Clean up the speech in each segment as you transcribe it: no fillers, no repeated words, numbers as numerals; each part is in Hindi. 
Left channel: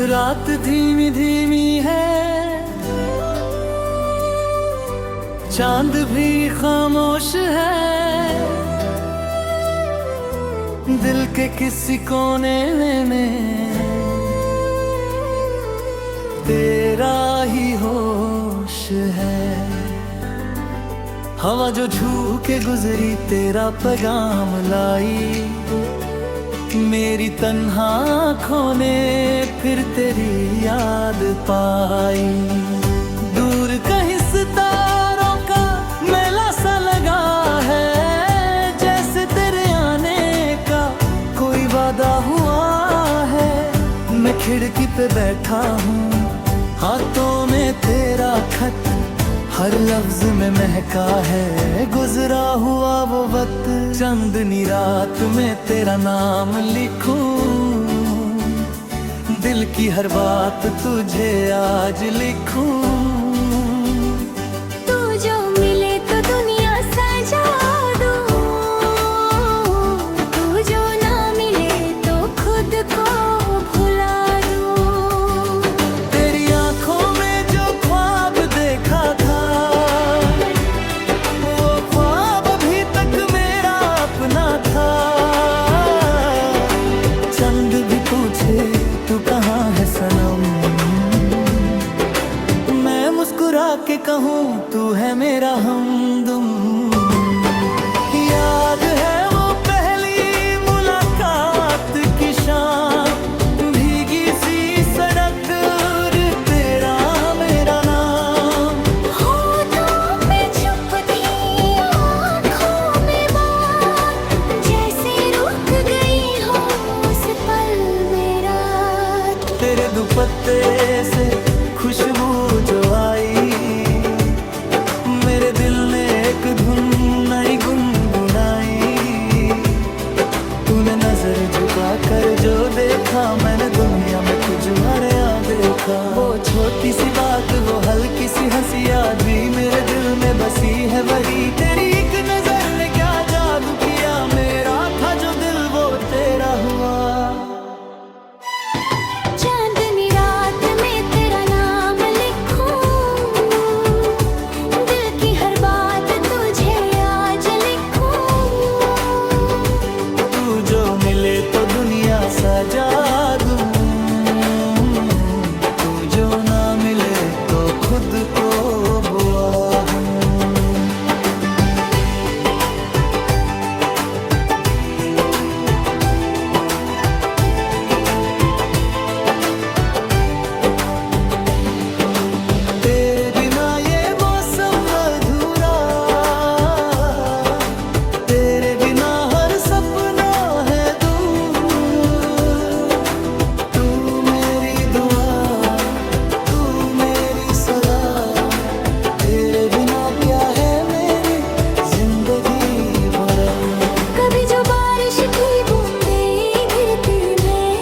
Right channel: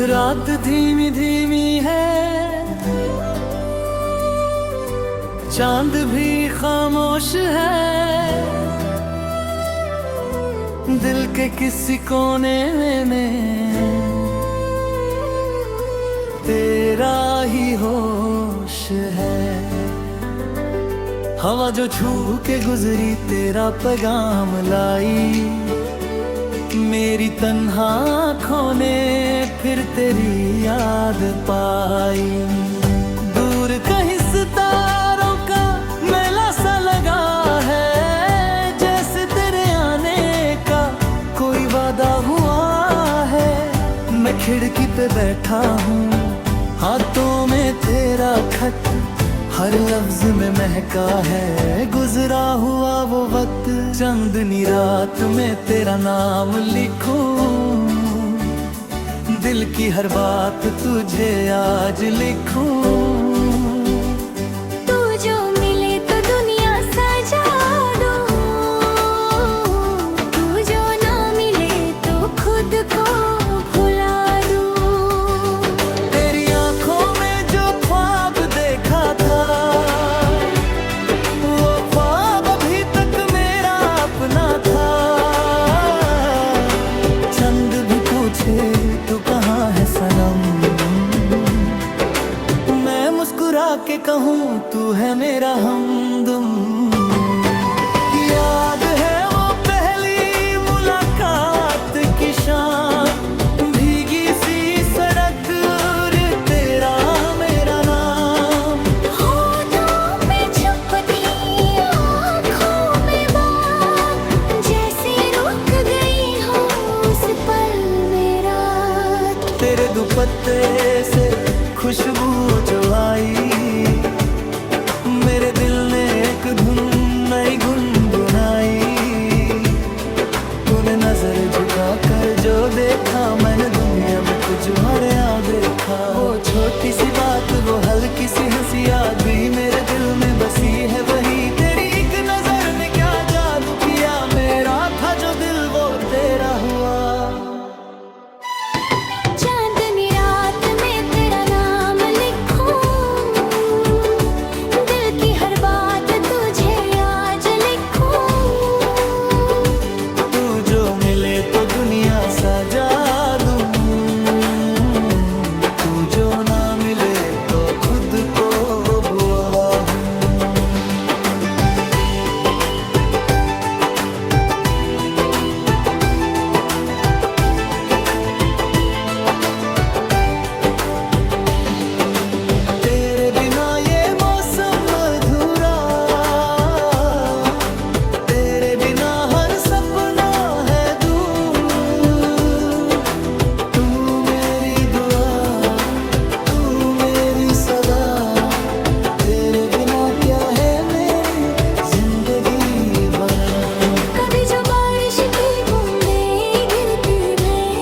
रात धीमी धीमी है, चांद भी खामोश है, दिल के किसी कोने में तेरा ही होश है। हवा जो छू के गुजरी तेरा पैगाम लाई, मेरी तन्हा आँखों ने फिर तेरी याद पाई। दूर कहीं सितारों का मेला सा लगा है, जैसे तेरे आने का कोई वादा हुआ है। मैं खिड़की पे बैठा हूँ, हाथों में तेरा खत, हर लफ्ज में महका है गुजरा हुआ वो वक्त। चांदनी रात में तेरा नाम लिखूं, दिल की हर बात तुझे आज लिखूं। तू जो मिले तो दुनिया सजा दूं, तू जो ना मिले तो खुद को भुला दूं। तेरी आंखों में जो ख्वाब देखा था, वो ख्वाब अभी तक मेरा अपना था। चंद भी पूछे तू कहाँ है सनम, मैं मुस्कुरा के कहूँ तू है मेरा हमदम। याद है वो पहली मुलाकात की शाम, भीगी सी सड़क और तेरा मेरा नाम। होठों पे चुप थी, आँखों में बात, जैसे रुक गई हो उस पल में रात। तेरे दुपट्टे से खुशबू जो आई, मेरे दिल ने एक धुन नई गुनगुनाई। तूने नजर झुका कर जो देखा, मैंने दुनिया में तुझे आ देखा। वो छोटी सी बात, वो हल्की सी हंसी, आज भी मेरे दिल में बसी है वही। तेरी एक नजर ने क्या जादू किया, मेरा था जो दिल वो तेरा हुआ। चांदनी रात में तेरा नाम लिखूं, दिल की हर बात तुझे आज लिखूं। तू जो मिले तो दुनिया सजा दूं, तू जो ना मिले तो खुद को बुआ हूँ। तेरे बिना ये मौसम अधूरा, तेरे बिना हर सपना है दूर। तू मेरी दुआ, तू मेरी सदा, तेरे बिना क्या है मेरी जिंदगी भरा। कभी जो बारिश की बूंदें गिरती में,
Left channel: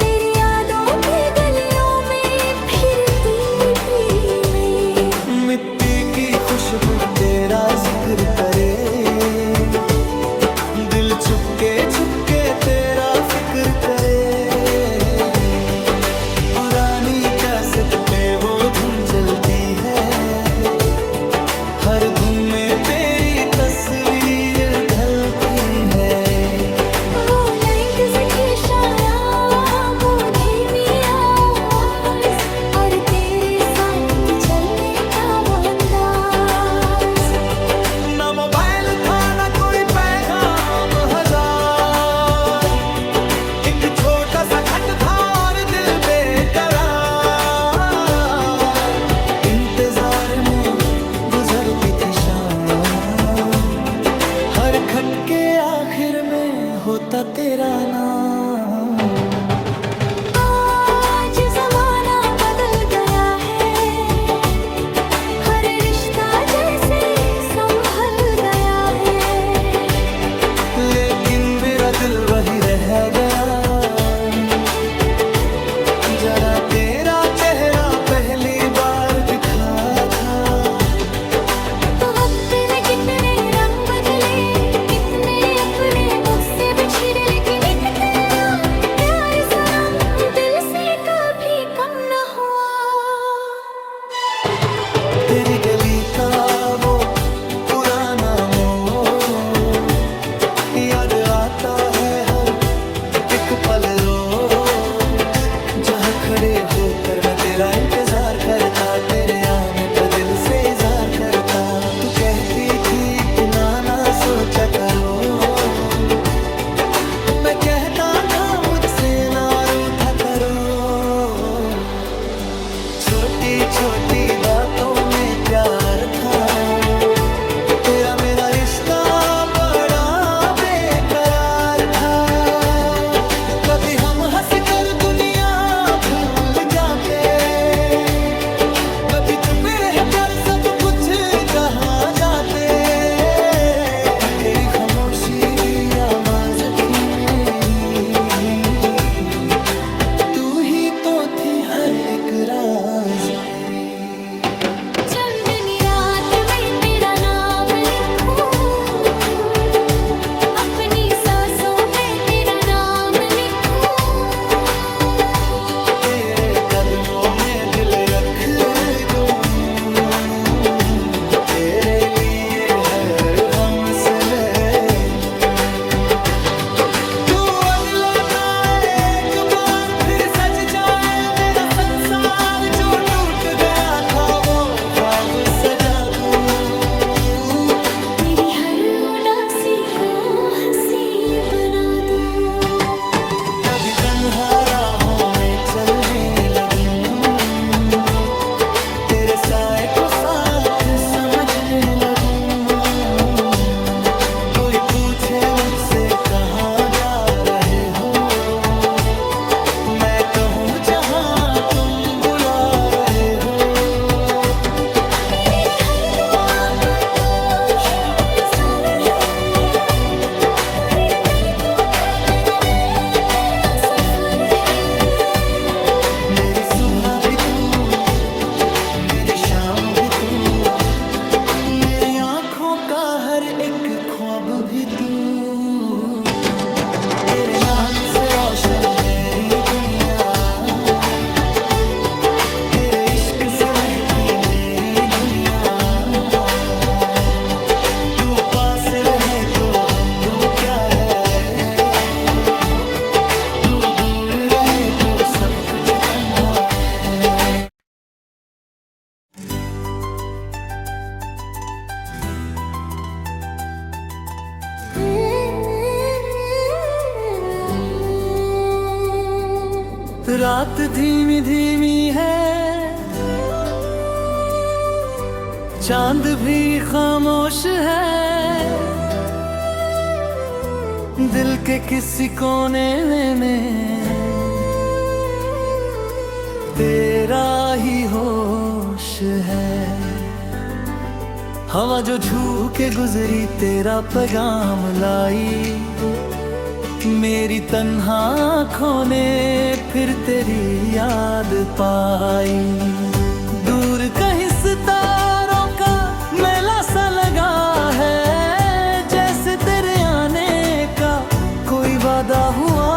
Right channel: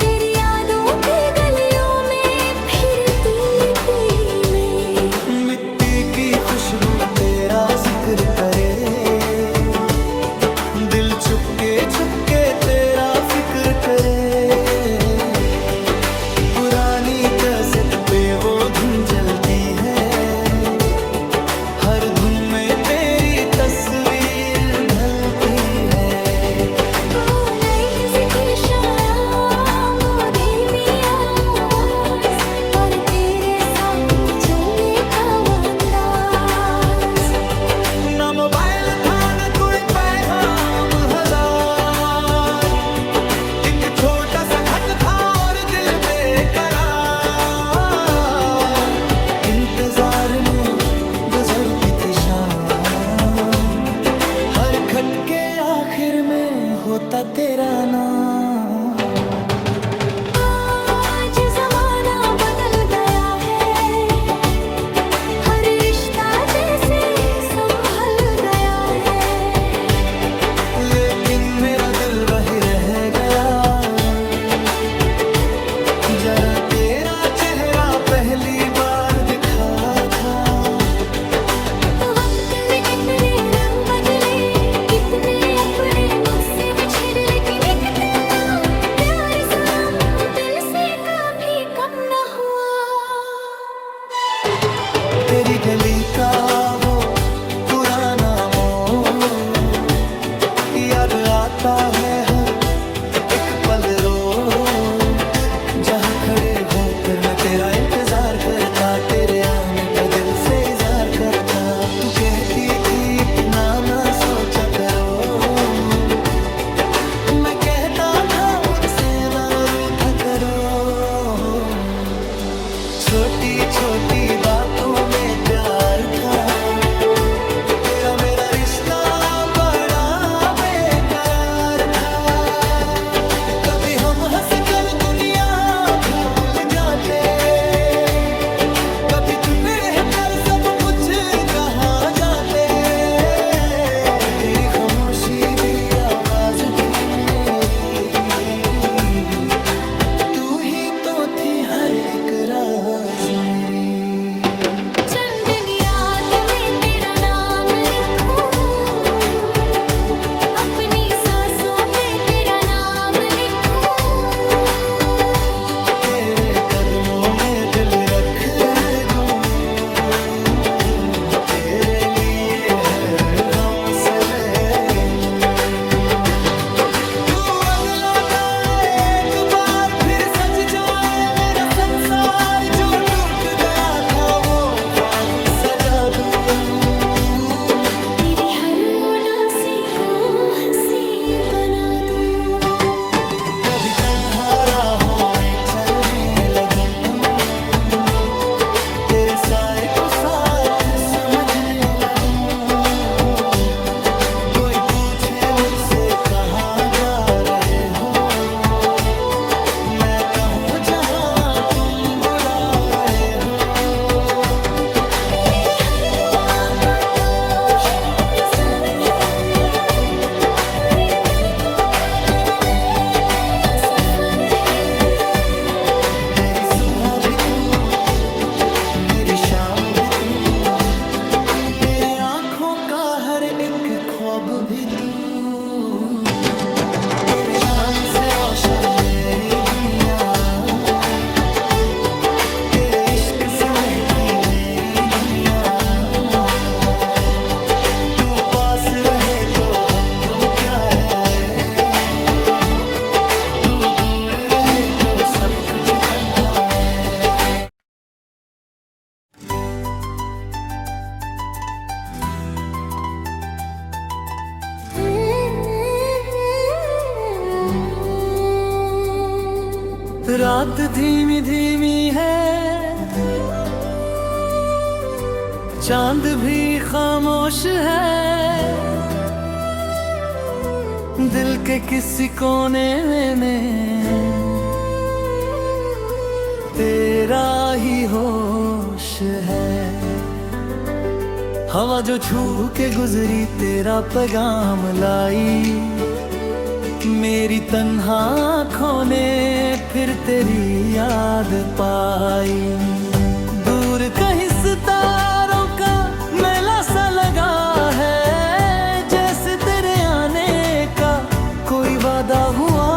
तेरी यादों की गलियों में फिरती थी मैं। मिट्टी की खुशबू तेरा जिक्र करे, दिल छुपके तेरा फिक्र करे। पुरानी कैसेट पे वो धुन चलती है, हर धुन में तेरी तस्वीर ढलती है। वो 90s की शाम, वो धीमी आवाज, और तेरे साथ चलने का वो अंदाज। ना मोबाइल था ना कोई पैगाम हजार, एक छोटा सा खत था और दिल बेकरार। इंतजार में गुजरती थी शाम, हर खत के आखिर में होता तेरा नाम। आज जमाना बदल गया है, हर रिश्ता जैसे संभल गया है, लेकिन मेरा दिल वही रह गया। जरा तेरा चेहरा पहली बार दिखा था। वक्त ने कितने रंग बदले, कितने अपने मुझसे बिछड़े, लेकिन एक तेरा प्यार सनम तेरी गली का वो पुराना मोड़ याद आता है हर एक पल रोज, जहाँ खड़े होकर मैं तेरा इंतजार करता, तेरे आने पर दिल से इजहार करता। तू कहती थी इतना ना सोचा करो, मैं कहता था मुझसे ना रूठा करो। छोटी छोटी बातों में प्यार था, तेरा मेरा रिश्ता बड़ा बेकरार था। कभी हम हंस कर दुनिया भूल जाते, कभी छुपे रह कर सब कुछ कहा जाते। तेरी खामोशी भी आवाज थी मेरी, तू ही तो थी हर एक राज मेरी। चंदनी रात में तेरा नाम लिखूं, अपनी सांसों पे तेरा नाम लिखूं। तेरे कदमों में दिल रख दूं, तेरे लिए हर गम से ले तू अगलौता एक बार फिर सज जाए मेरा संसार। जो टूट गया था वो ख्वाब सजा दूं, तेरी हर उदासी को हंसी बना दूं। कभी तन्हा राहों में चलने लगूं, तेरे साए को साथ समझने लगूं। कोई पूछे मुझसे कहाँ जा रहे हो, मैं कहूँ जहाँ तुम बुला रहे हो। मेरी हर दुआ का तू ही सर है, पूरे दिन तू धड़कन में तेरा सफर है। मेरी सुबह भी तू, मेरी शाम भी तू, मेरी आँखों का हर एक ख्वाब भी तू। तेरे नाम से रोशन मेरी दुनिया, तेरे इश्क से महकी मेरी दुनिया। तू पास रहे तो गम गुम क्या है, तू दूर रहे तो सब कुछ तन्हा है। रात धीमी धीमी है, चांद भी खामोश है। दिल के किसी कोने में तेरा ही होश है। हवा जो छू के गुजरी तेरा पैगाम लाई, मेरी तन्हा आँखों ने फिर तेरी याद पाई। दूर कहीं सितारों का मेला सा लगा है, जैसे तेरे आने का कोई वादा हुआ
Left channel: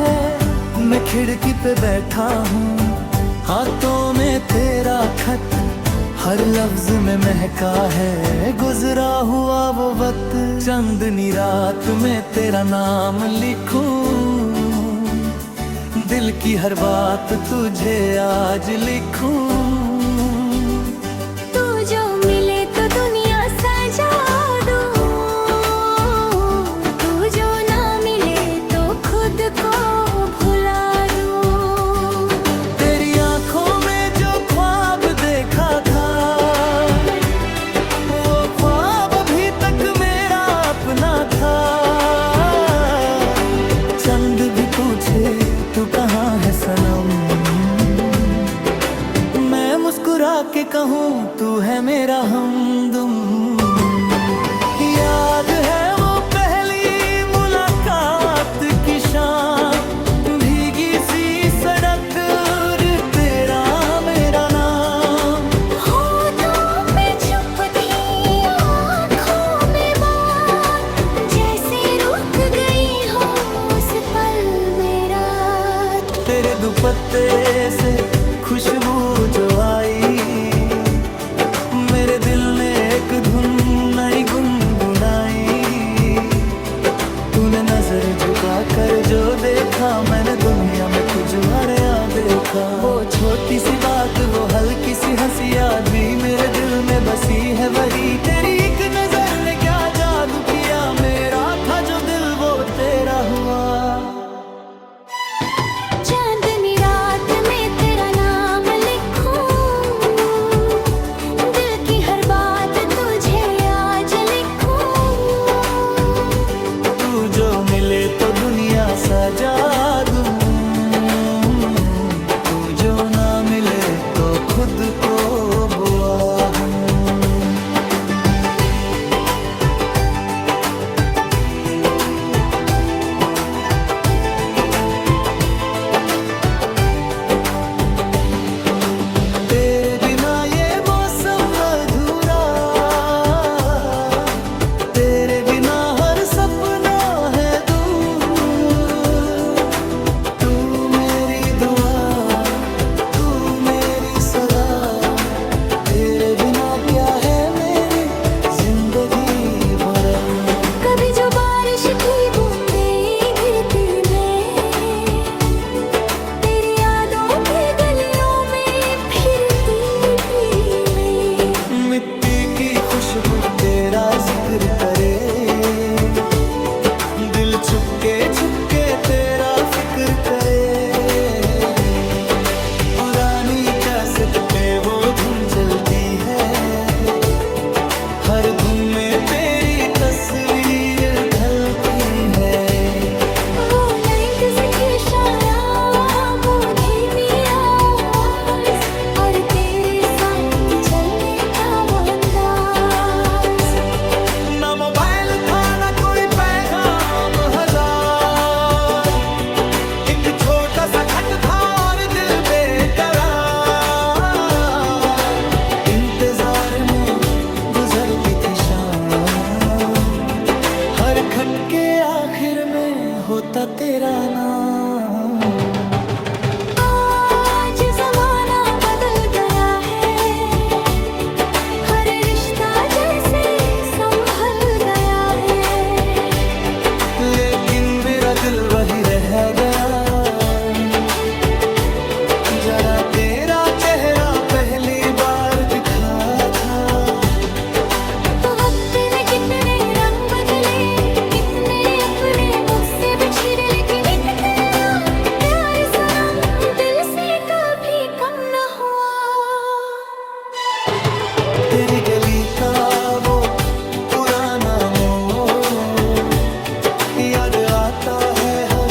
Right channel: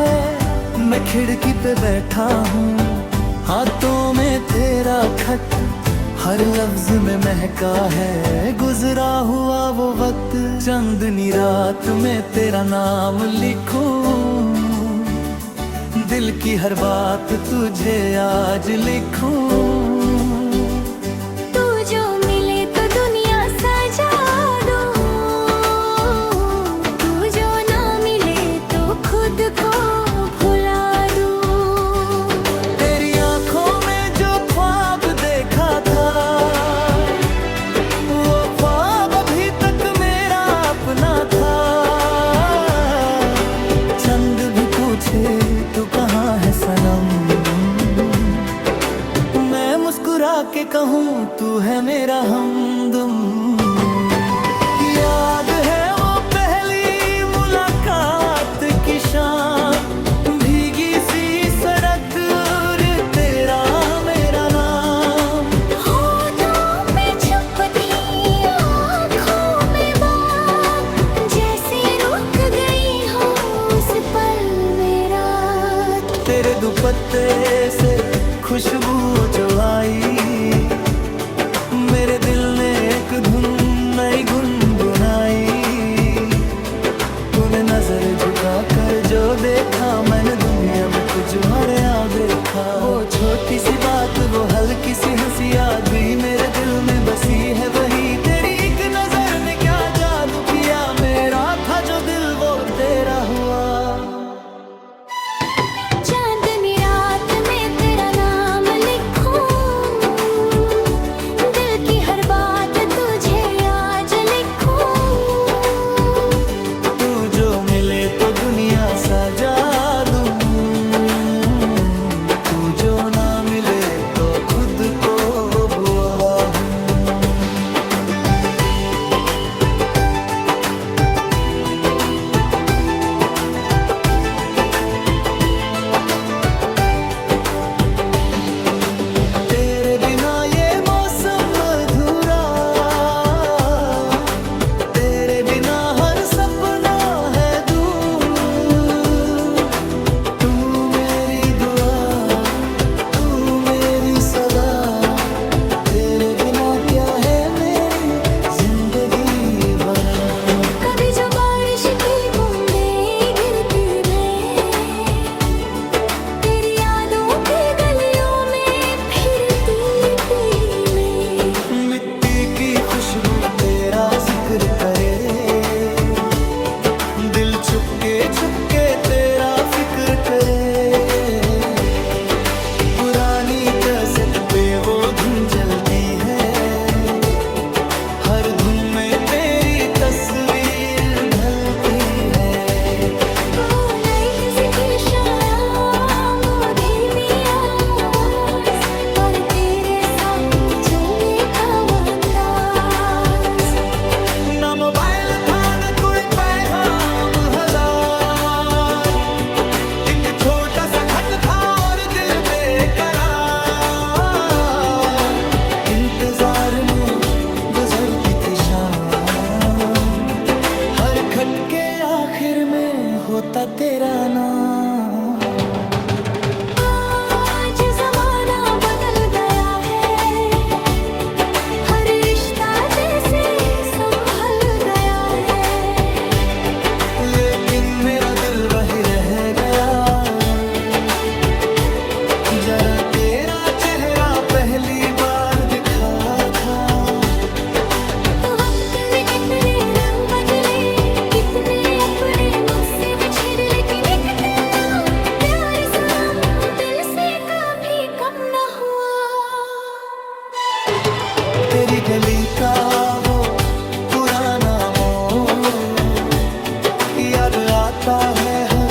है। मैं खिड़की पे बैठा हूँ, हाथों में तेरा खत, हर लफ्ज में महका है गुजरा हुआ वो वक्त। चंदनी रात में तेरा नाम लिखूं, दिल की हर बात तुझे आज लिखूं। तू जो मिले तो दुनिया सजा दूं, तू जो ना मिले तो खुद को भुला दूं। तेरी आंखों में जो ख्वाब देखा था, वो ख्वाब अभी तक मेरा अपना था। चंद भी पूछे तू कहाँ है सनम, मैं मुस्कुरा के कहूँ तू है मेरा हमदम। याद है वो पहली मुलाकात की शाम, भीगी सी सड़क और तेरा मेरा नाम। होठों पे चुप थी आँखों में बात, जैसे रुक गई हो उस पल में रात। तेरे दुपट्टे से खुशबू जो आई, मेरे दिल ने एक धुन नई गुनगुनाई। तूने नजर झुका कर जो देखा, मैंने दुनिया में तुझे यहाँ देखा। वो छोटी सी बात, वो हल्की सी हंसी याद भी मेरे दिल में बसी है वही। तेरी एक नजर ने क्या जादू किया, मेरा था जो दिल वो तेरा हुआ। चांदनी रात में तेरा नाम लिखूं, दिल की हर बात तुझे आज लिखूं। तू जो मिले तो दुनिया सजा दूं, तू जो ना मिले तो खुद को बुआ हूँ। तेरे बिना ये मौसम अधूरा, तेरे बिना हर सपना है दूर। तू मेरी दुआ, तू मेरी सदा, तेरे बिना क्या है मेरी जिंदगी भरा। कभी जो बारिश की बूंदें गिरती मैं, तेरी यादों की गलियों में फिरती थी मैं। मिट्टी की खुशबू तेरा जिक्र करे, दिल छुपके तेरा फिक्र करे। पुरानी कैसेट पे वो धुन चलती है, हर धुन में तेरी तस्वीर ढलती है। वो नाइट की शाम, वो धीमी आवाज, और तेरे साथ चलने का वो अंदाज। ना मोबाइल था ना कोई पैगाम हजार, एक छोटा सा खत था और दिल बेकरार। इंतजार में गुजरती थी शाम, हर खत के आखिर में होता तेरा नाम। आज जमाना बदल गया है, हर रिश्ता जैसे संभल गया है। लेकिन मेरा दिल वही रह गया, जरा तेरा चेहरा पहली बार दिखा था। वक्त ने कितने रंग बदले, कितने अपने मुझसे बिछड़े, लेकिन एक तेरा प्यार सनम दिल से कभी कम न हुआ। तेरी गली का वो पुराना मोड़ याद आता है हर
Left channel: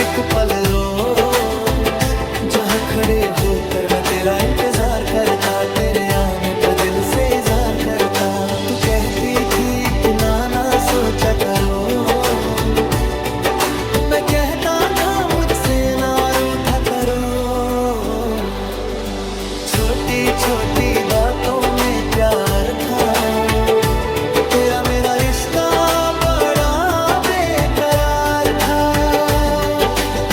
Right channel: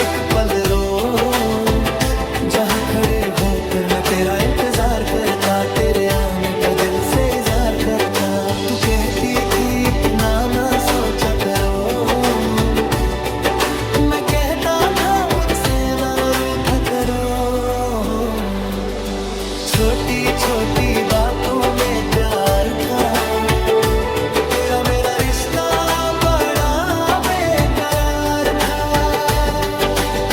एक पल रोज। जहाँ खड़े होकर मैं तेरा इंतजार करता, तेरे आने पर दिल से इज़हार करता। तू कहती थी इतना ना सोचा करो, मैं कहता था मुझसे ना रूठा करो। छोटी छोटी बातों में प्यार था, तेरा मेरा रिश्ता बड़ा बेकरार था।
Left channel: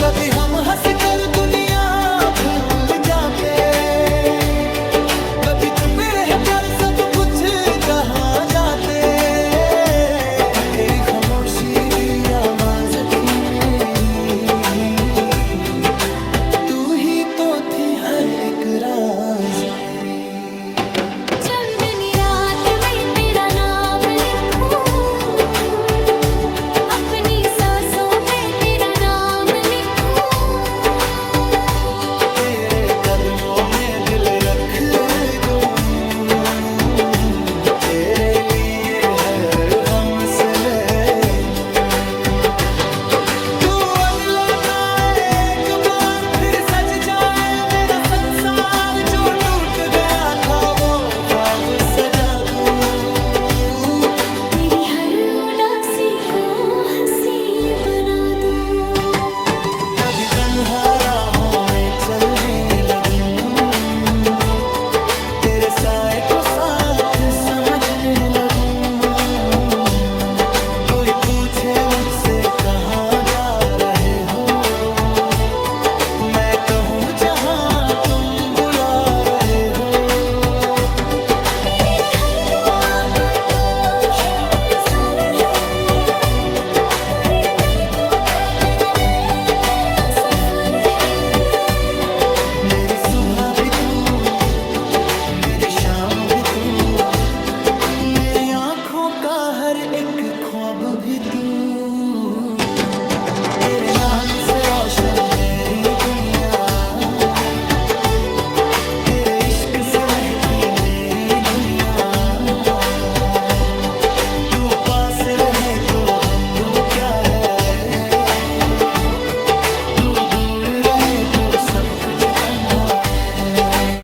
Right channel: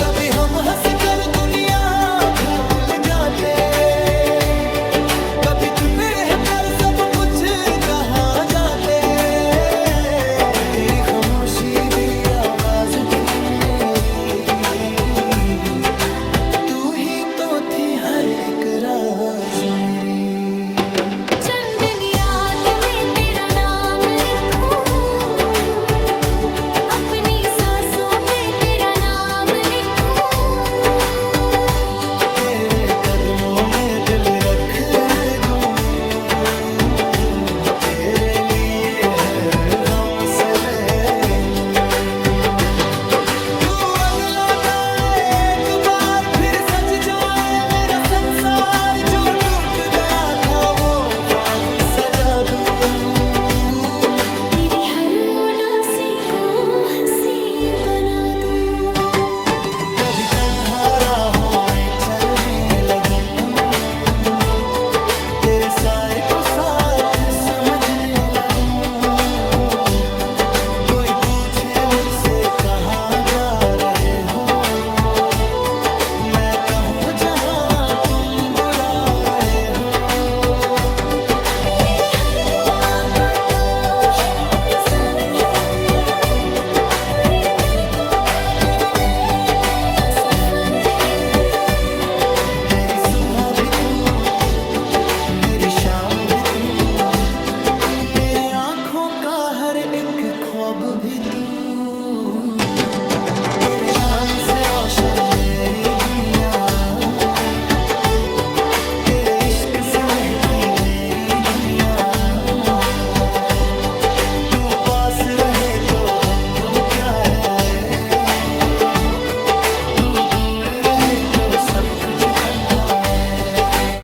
कभी हम हंस कर दुनिया भूल जाते, कभी छुपे रह कर सब कुछ कहाँ जाते। तेरी खामोशी भी आवाज थी मेरी, तू ही तो थी हर एक राज मेरी। चंदनी रात में तेरा नाम लिखूं, अपनी सांसों पे तेरा नाम लिखूं। तेरे कदमों में दिल रख दूं, तेरे लिए हर गम से ले तू अगलौता एक बार फिर सज जाए मेरा संसार। जो टूट गया था वो ख्वाब सजा दूं, तेरी हर उदासी को हंसी बना दूं। कभी तन्हा राहों में चलने लगूं, तेरे साए को साथ समझने लगूं। कोई पूछे मुझसे कहाँ जा रहे हो, मैं कहूँ जहाँ तुम बुला रहे हो। तेरे सुबह भी तू, मेरी शाम भी तू, मेरी आंखों का हर एक ख्वाब भी तू। तेरे नाम से रोशन मेरी दुनिया, तेरे इश्क से महकी मेरी दुनिया। तू पास रहे तो गम गुम क्या है, तू दूर रहे तो सब कुछ तन्हा है।